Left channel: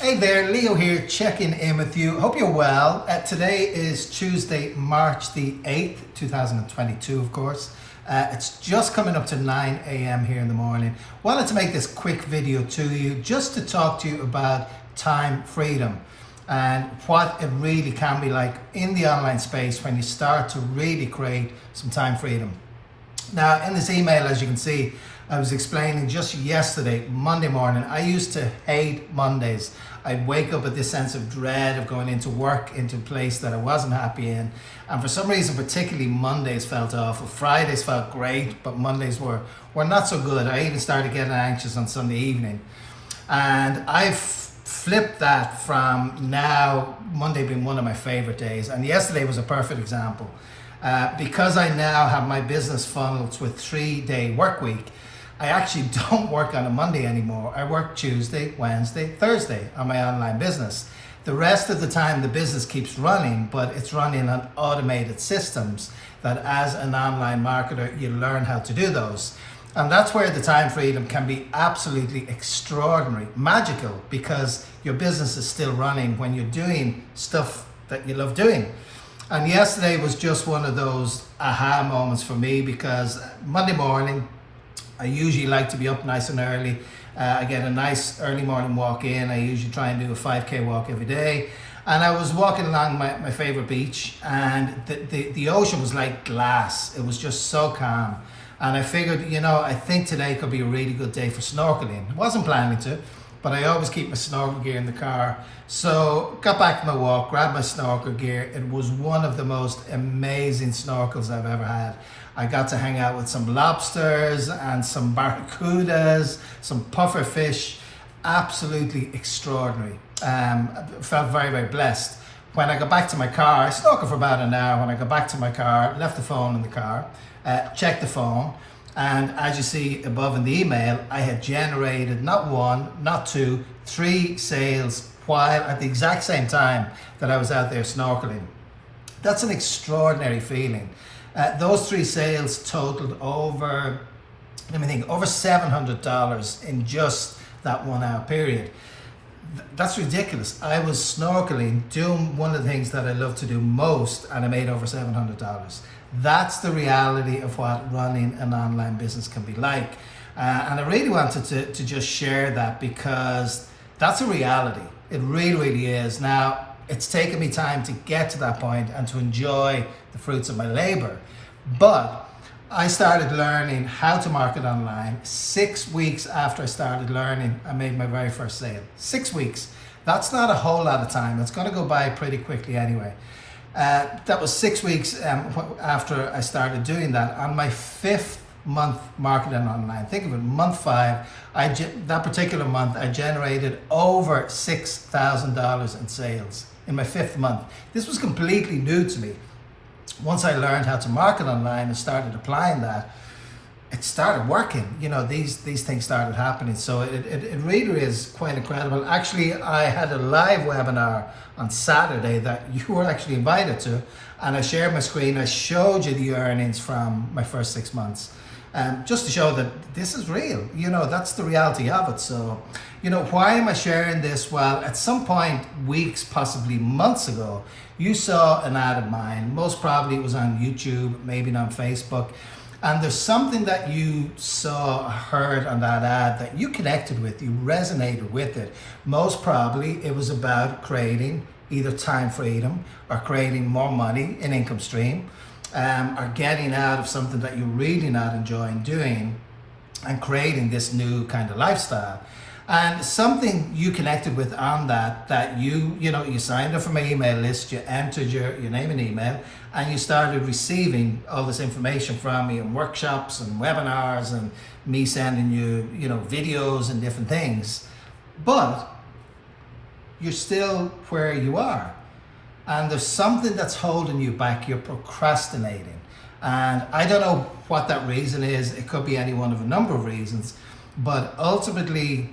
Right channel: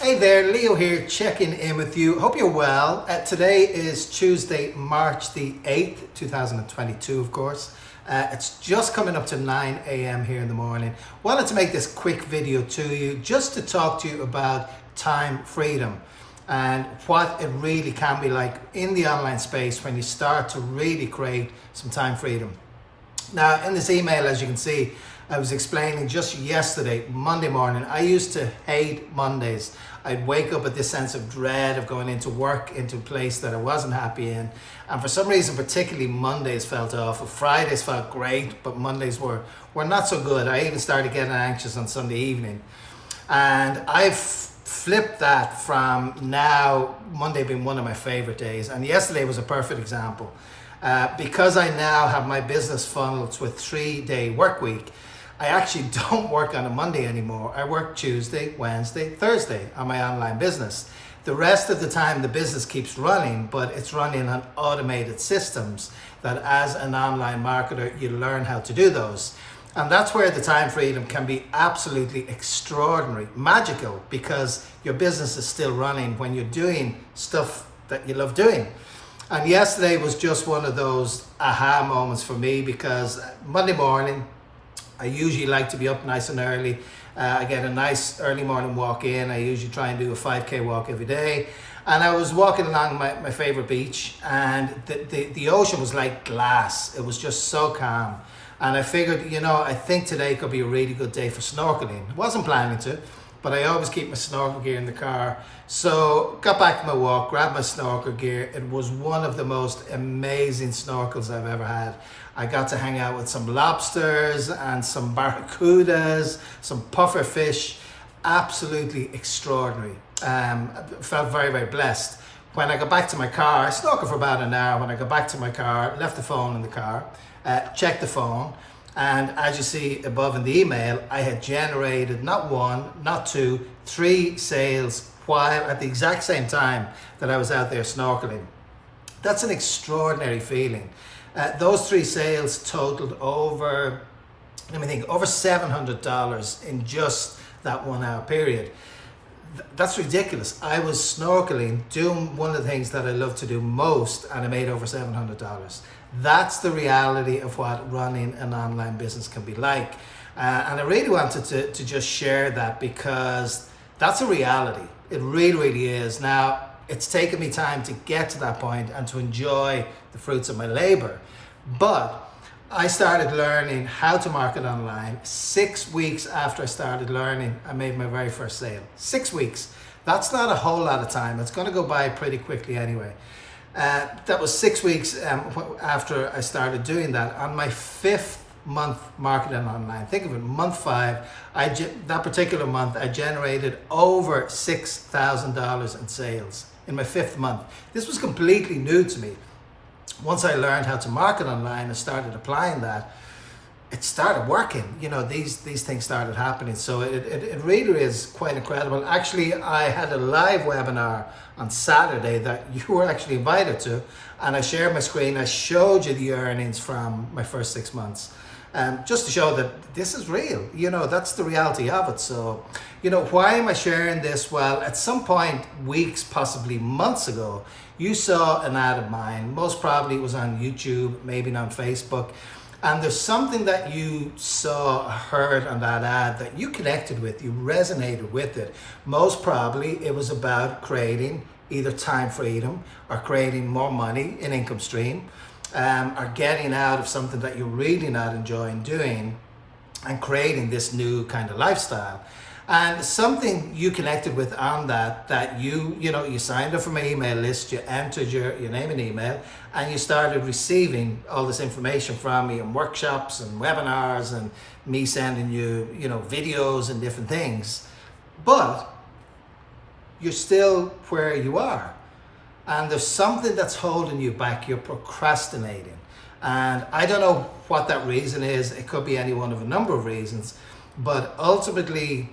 Hey there, Leo here, checking in with you. Hope you're well. Today is Tuesday, March the 8th, 2022, of course. It's just coming up to 9 a.m. here in the morning. Wanted to make this quick video to you just to talk to you about time freedom and what it really can be like in the online space when you start to really create some time freedom. Now, in this email, as you can see, I was explaining just yesterday, Monday morning, I used to hate Mondays. I'd wake up with this sense of dread of going into work, into a place that I wasn't happy in. And for some reason, particularly Mondays felt awful. Fridays felt great, but Mondays were not so good. I even started getting anxious on Sunday evening. And I've flipped that from now, Monday being one of my favorite days. And yesterday was a perfect example. Because I now have my business funneled with 3-day work week, I actually don't work on a Monday anymore. I work Tuesday, Wednesday, Thursday on my online business. The rest of the time the business keeps running, but it's running on automated systems that as an online marketer, you learn how to do those. And that's where the time freedom can be absolutely extraordinary, magical, because your business is still running when you're doing stuff that you love doing. And yesterday was just one of those aha moments for me, because Monday morning, I usually like to be up nice and early. I get a nice early morning walk in. I usually try and do a 5K walk every day. And I was walking along my favorite beach, and the ocean was like glass. It was just so calm. And I figured, I think today could be a really good day for snorkeling. I wasn't planning to, but I always keep my snorkel gear in the car. So got back from my walk, grabbed my snorkel gear. It was one of the most amazing snorkels I've ever had. I got to hang out with some lobsters and some barracudas, some puffer fish. Absolutely extraordinary. I felt very, very blessed. When I got back to my car, I snorkeled for about an hour. When I got back to my car, left the phone in the car, checked the phone, and as you see above in the email, I had generated not one, not two, 3 sales while at the exact same time that I was out there snorkeling. That's an extraordinary feeling. Those 3 sales totaled over $700 in just that 1 hour period. That's ridiculous. I was snorkeling, doing one of the things that I love to do most, and I made over $700. That's the reality of what running an online business can be like. And I really wanted to just share that, because that's a reality. It really, really is. Now, it's taken me time to get to that point and to enjoy the fruits of my labor. But I started learning how to market online 6 weeks after I started learning. I made my very first sale. 6 weeks. That's not a whole lot of time. It's going to go by pretty quickly anyway. That was 6 weeks after I started doing that. On my 5th month marketing online, think of it, month 5, that particular month, I generated over $6,000 in sales in my 5th month. This was completely new to me. Once I learned how to market online and started applying that, it started working. These things started happening. So it really is quite incredible. Actually, I had a live webinar on Saturday that you were actually invited to, and I shared my screen. I showed you the earnings from my first 6 months. Just to show that this is real, that's the reality of it. So, why am I sharing this? Well, at some point, weeks, possibly months ago, you saw an ad of mine. Most probably it was on YouTube, maybe on Facebook. And there's something that you saw, heard on that ad that you connected with, you resonated with it. Most probably it was about creating either time freedom or creating more money, an income stream. Or getting out of something that you're really not enjoying doing and creating this new kind of lifestyle. And something you connected with on that you signed up for my email list, you entered your name and email, and you started receiving all this information from me and workshops and webinars and me sending you, videos and different things. But you're still where you are. And there's something that's holding you back. You're procrastinating. And I don't know what that reason is. It could be any one of a number of reasons. But ultimately,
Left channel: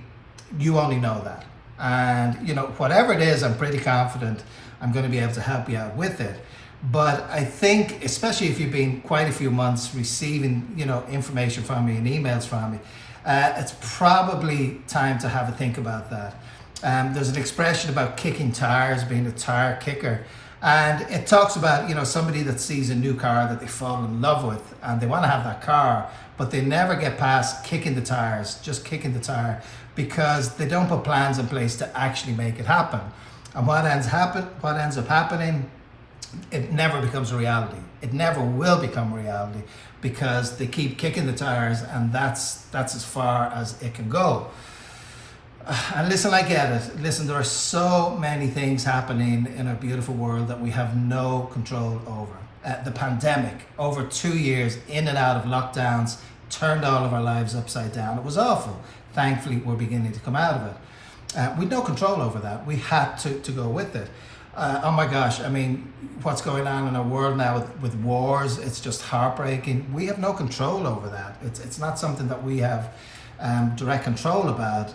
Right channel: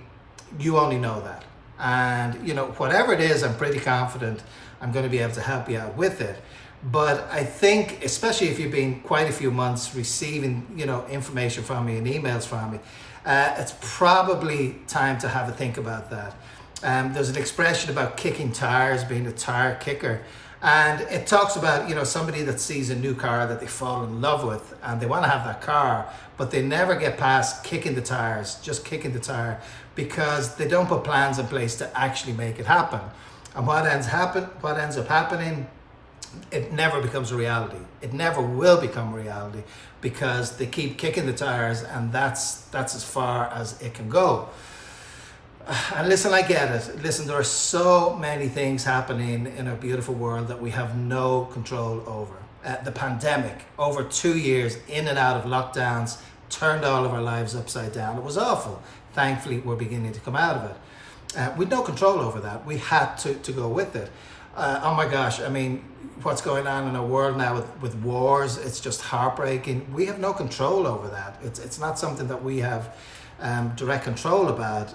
you only know that. And, whatever it is, I'm pretty confident I'm going to be able to help you out with it. But I think, especially if you've been quite a few months receiving, information from me and emails from me, it's probably time to have a think about that. There's an expression about kicking tires, being a tire kicker. And it talks about, somebody that sees a new car that they fall in love with and they want to have that car, but they never get past kicking the tires, just kicking the tire, because they don't put plans in place to actually make it happen. And what ends up happening, it never becomes a reality. It never will become a reality because they keep kicking the tires, and that's as far as it can go. And listen, I get it. Listen, there are so many things happening in our beautiful world that we have no control over. The pandemic, over 2 years in and out of lockdowns, turned all of our lives upside down. It was awful. Thankfully, we're beginning to come out of it. With no control over that. We had to go with it. Oh my gosh, I mean, what's going on in our world now with wars, it's just heartbreaking. We have no control over that. It's not something that we have direct control about.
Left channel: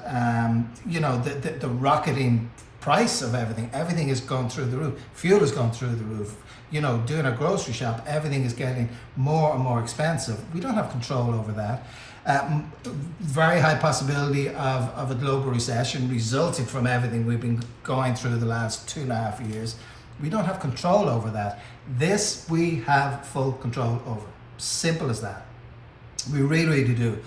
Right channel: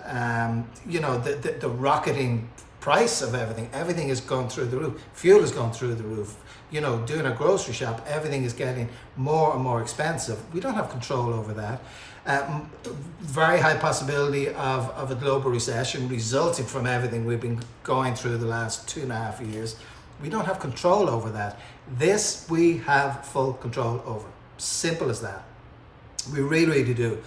The rocketing price of everything is going through the roof. Fuel is going through the roof. Doing a grocery shop, everything is getting more and more expensive. We don't have control over that. Very high possibility of a global recession resulting from everything we've been going through the last 2.5 years. We don't have control over that. This we have full control over. Simple as that. We really do.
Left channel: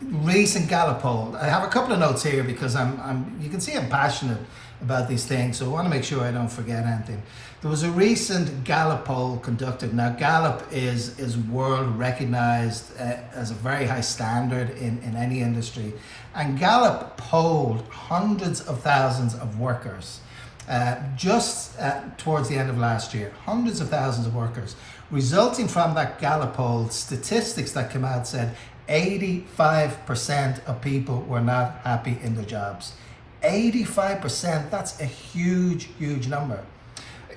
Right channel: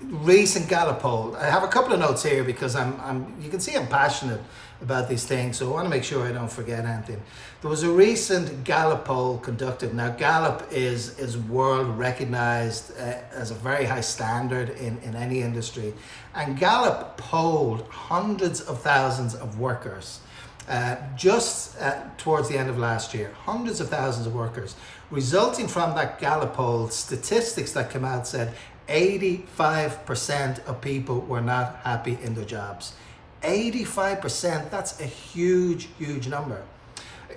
Recent Gallup poll. I have a couple of notes here because you can see I'm passionate about these things, so I want to make sure I don't forget anything. There was a recent Gallup poll conducted. Now, Gallup is world recognized as a very high standard in any industry, and Gallup polled hundreds of thousands of workers just towards the end of last year. Hundreds of thousands of workers. Resulting from that Gallup poll, statistics that came out said 85% of people were not happy in their jobs. 85%, that's a huge number.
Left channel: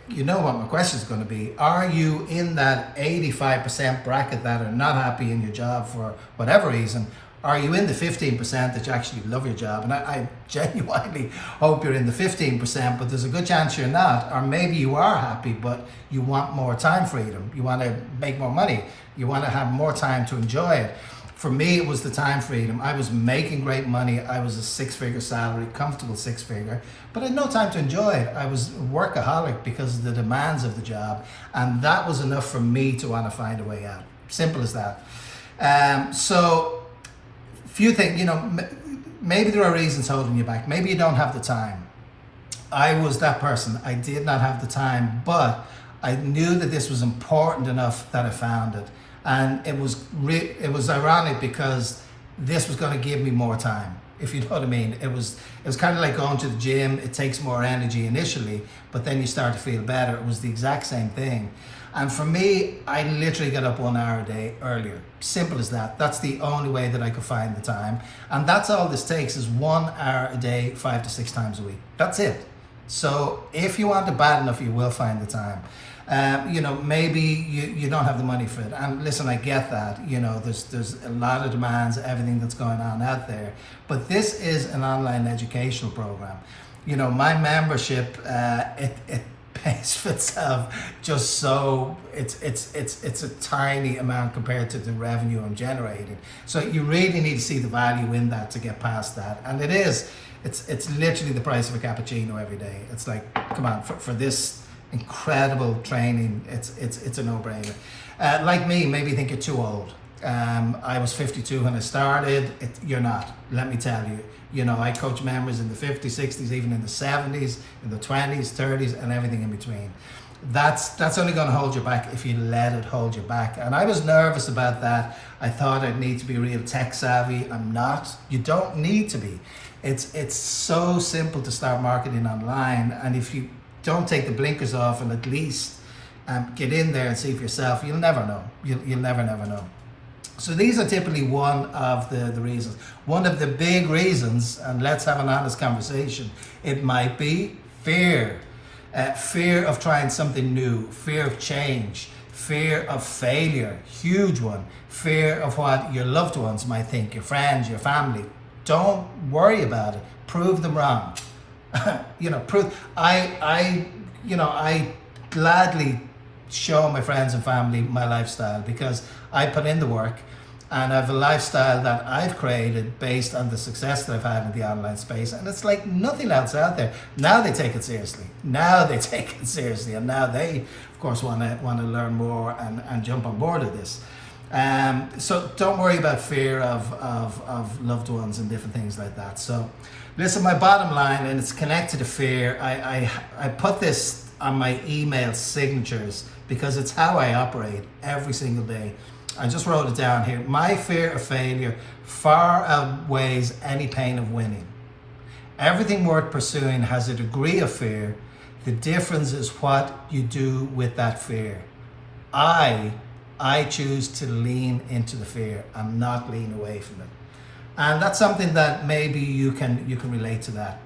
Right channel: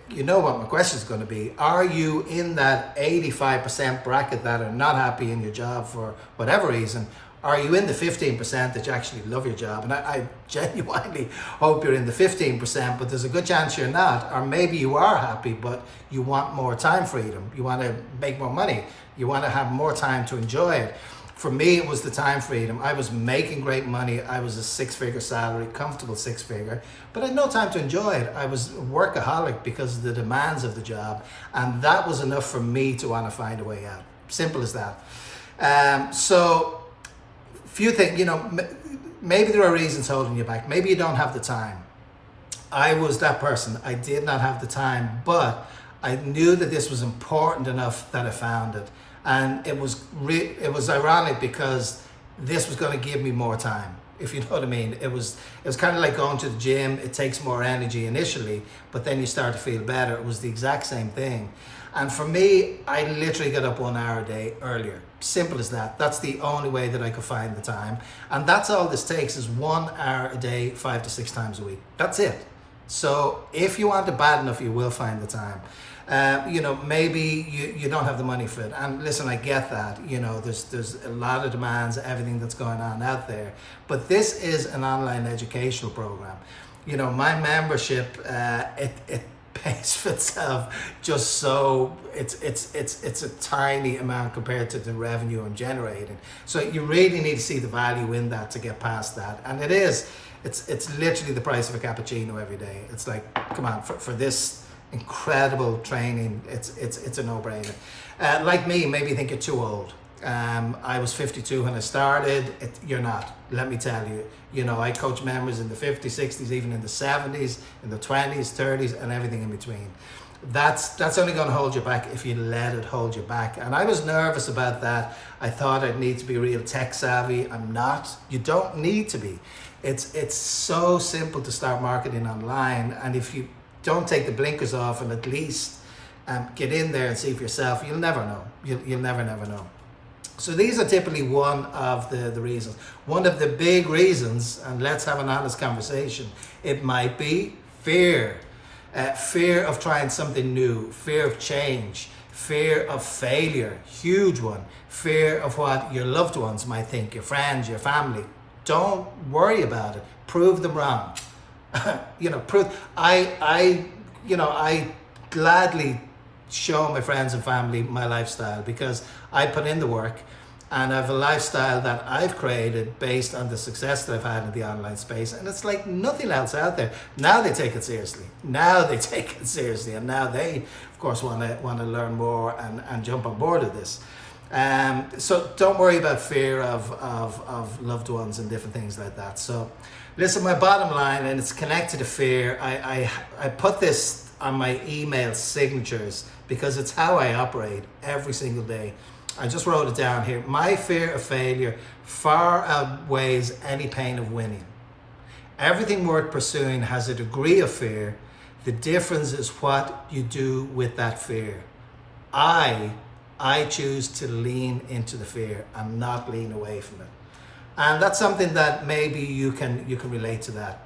You know what my question is going to be. Are you in that 85% bracket that are not happy in your job for whatever reason? Are you in the 15% that you actually love your job? And I genuinely hope you're in the 15%, but there's a good chance you're not. Or maybe you are happy, but you want more time freedom. You want to make more money. You want to have more time to enjoy it. For me, it was the time freedom. I was making great money. I was a 6-figure salary, comfortable 6-figure, but I had no time to enjoy it. I was a workaholic because of the demands of the job, and that was enough for me to want to find a way out. Simple as that. So, few things, maybe there are reasons holding you back. Maybe you don't have the time. I was that person. I did not have the time, but I knew that this was important enough that I found it. And it was ironic because this was going to give me more time, if you know what I mean. It was kind of like going to the gym. It takes more energy initially, but then you start to feel better. It was the exact same thing. And for me, I literally got up 1 hour a day earlier. Simple as that. That's the only way that I could find the time. And that's all this takes is 1 hour a day, 5 to 6 times a week. That's it. So if you want it bad enough, you will find the time. Maybe you don't have the money for it. And listen, I get that. There's a lot of demands, everything that's going on out there. But this is an online educational program. My membership, it pays for itself just so it's a tiny amount compared to the revenue I'm generating. So you really need to see the value in that to get past that. And it's literally the price of a cappuccino every day. It's like, come on, for this incredible training, it's a no-brainer. Like me, maybe you think you're too old. I was 52 when I started. You're not, let me tell you. I coach members in the 50s, 60s, even in the 70s, in the 20s, 30s, and everything in between. That's only going to hold you back if you let it hold you back. And I was nervous about that. I thought I'd need to be real tech savvy. I'm not. You don't need to be. It's so simple to start marketing online, and if you don't take the blinkers off and at least get in there and see for yourself, you'll never know. You'll never know. So these are typically one of the reasons. One of the big reasons, and let's have an honest conversation, it might be fear. Fear of trying something new, fear of change, fear of failure, huge one. Fear of what your loved ones might think, your friends, your family. Don't worry about it. Prove them wrong. I gladly show my friends and family my lifestyle because I put in the work. And I have a lifestyle that I've created based on the success that I've had in the online space. And it's like nothing else out there. Now they take it seriously. And now they, of course, want to learn more and jump on board of this. So don't worry about fear of loved ones and different things like that. So listen, my bottom line, and it's connected to fear, I put this on my email signatures because it's how I operate every single day. I just wrote it down here. My fear of failure far outweighs any pain of winning. Everything worth pursuing has a degree of fear. The difference is what you do with that fear. I choose to lean into the fear and not lean away from it. And that's something that maybe you can relate to that.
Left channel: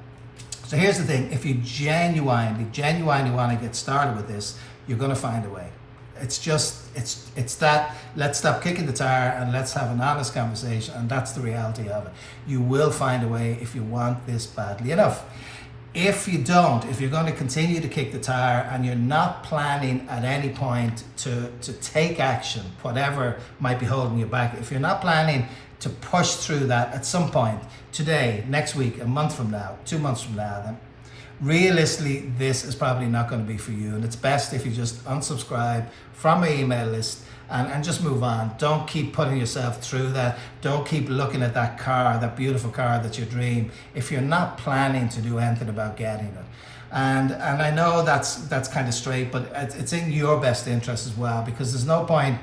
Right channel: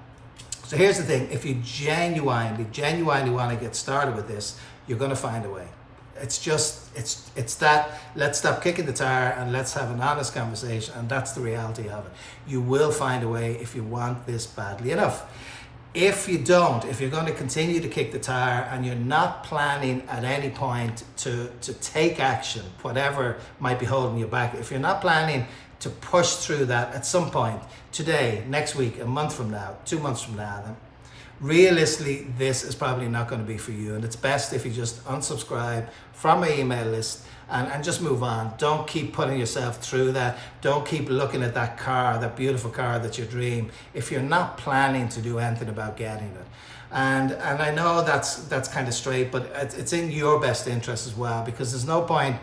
So here's the thing, if you genuinely want to get started with this, you're going to find a way. It's that let's stop kicking the tire and let's have an honest conversation, and that's the reality of it. You will find a way if you want this badly enough. If you don't, if you're going to continue to kick the tire and you're not planning at any point to take action, whatever might be holding you back, if you're not planning to push through that at some point, today, next week, a month from now, 2 months from now, then realistically, this is probably not going to be for you. And it's best if you just unsubscribe from my email list and just move on. Don't keep putting yourself through that. Don't keep looking at that car, that beautiful car that's your dream, if you're not planning to do anything about getting it. And I know that's kind of straight, but it's in your best interest as well, because there's no point,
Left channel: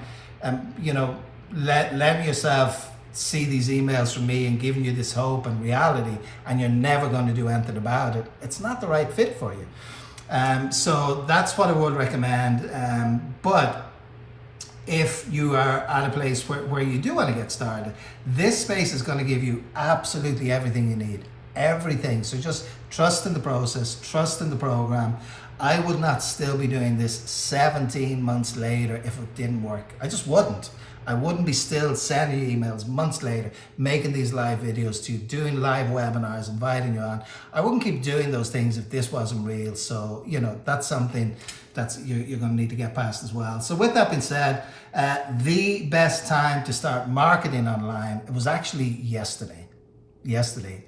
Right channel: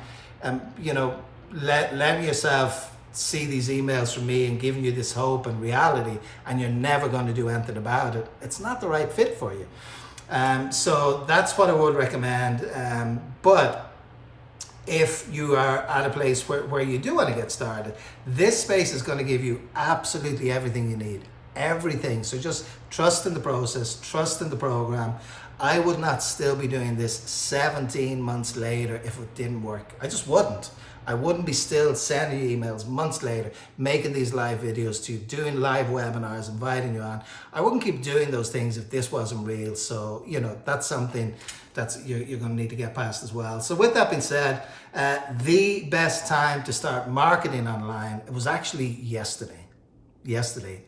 letting yourself see these emails from me and giving you this hope and reality, and you're never going to do anything about it. It's not the right fit for you. So that's what I would recommend. But if you are at a place where you do want to get started, this space is going to give you absolutely everything you need. Everything. So just trust in the process, trust in the program. I would not still be doing this 17 months later if it didn't work. I just wouldn't. I wouldn't be still sending you emails months later, making these live videos to you, doing live webinars, inviting you on. I wouldn't keep doing those things if this wasn't real. So, that's something that's you're going to need to get past as well. So with that being said, the best time to start marketing online, it was actually yesterday.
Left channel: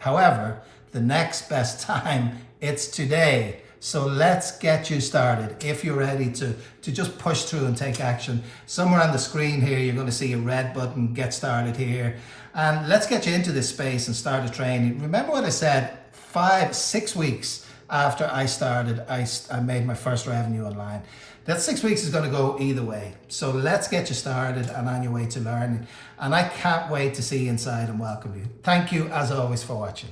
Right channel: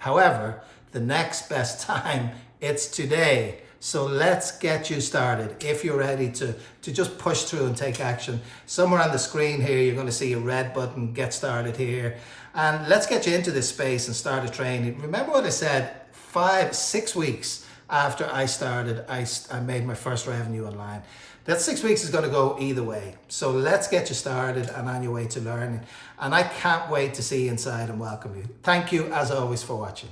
However, the next best time, it's today. So let's get you started. If you're ready to just push through and take action, somewhere on the screen here, you're going to see a red button, get started here. And let's get you into this space and start a training. Remember what I said, 5-6 weeks after I started, I made my first revenue online. That 6 weeks is going to go either way. So let's get you started and on your way to learning. And I can't wait to see you inside and welcome you. Thank you as always for watching.